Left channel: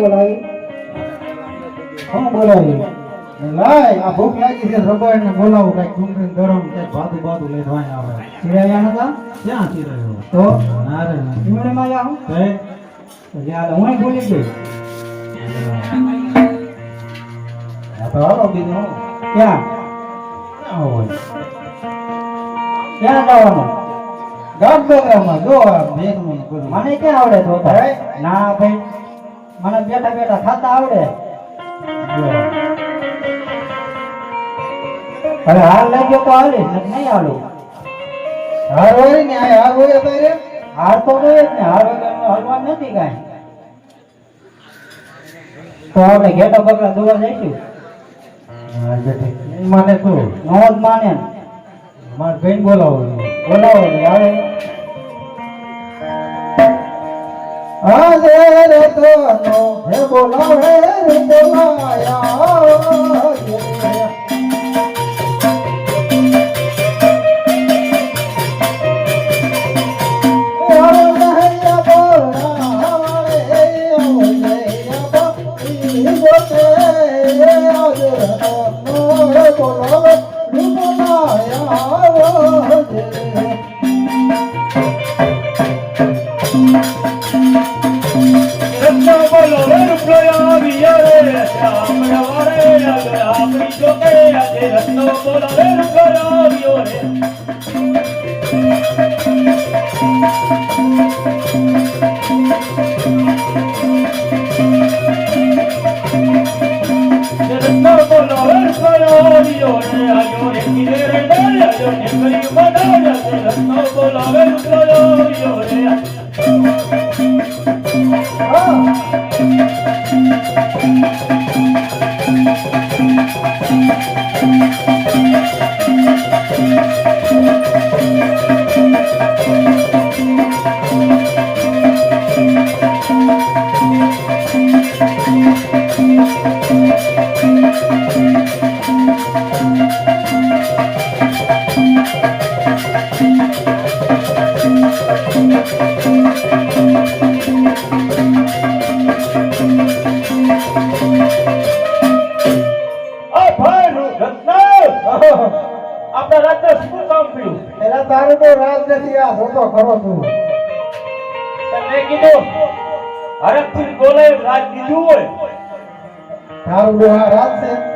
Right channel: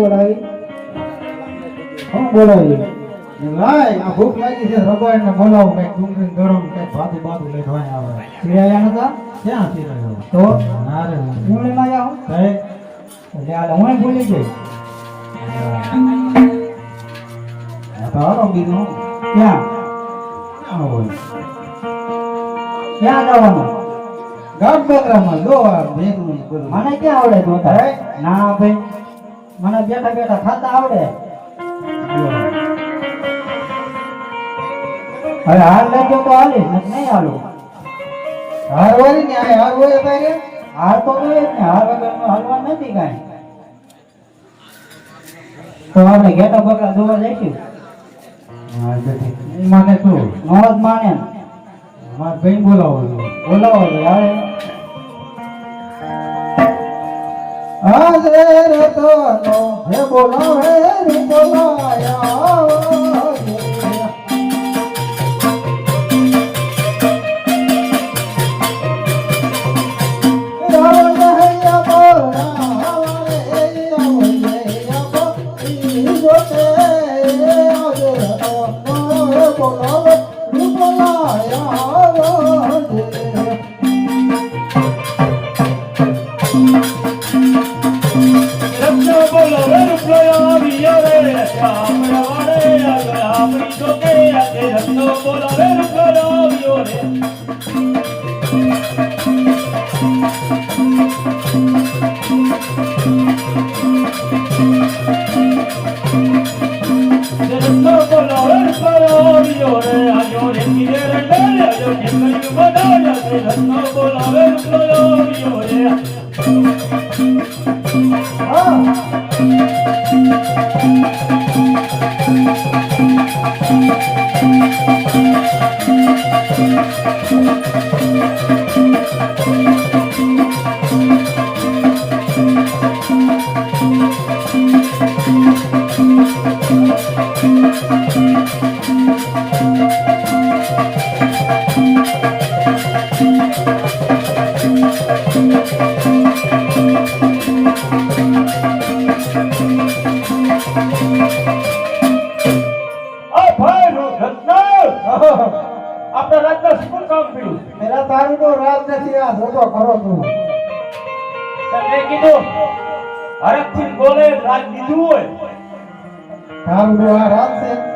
બોલાવી કોણ બોલાવી લાય આ ભૂખ લાગી છે રબાડ ને બોલાવો કઈક કુંકરી ગરમ કઈક ભાતું ભાતું લઈ ભાઈ આવે સિરાયા નતા ક્યાં ચીરાયો તો ના રે ના ઈમણે માં આવું કઈ એટલે આ હું ભૂલી ગઈ આ તો હાલો બીજું ક્યાં ક્યાં હોય ક્યાં જવાનું ગામ બેકરામાં જો આ ભેગું બધું મને ક્યાં આવડે જોતા હે? ના ભાઈ મને બેઠા બેઠા ખાતા આવડે હવે હાર લઈ ગયો તો હાલે નહીં હાલો હાર હોય ને આ હાર હોય તારે હાર તો જોઈએ જ ને હાર વગરનો હાલવા નથી કાંઈ તો આપણે ઘેટા બકરા જોવા જઈશું હા બેઠી મને શું મોજ માને માર બેન બોલાવો બોલાવો આવે આજે રે તો હે બોલો હે બોલાયા રાજ દીધું હોય તારું રાજ છે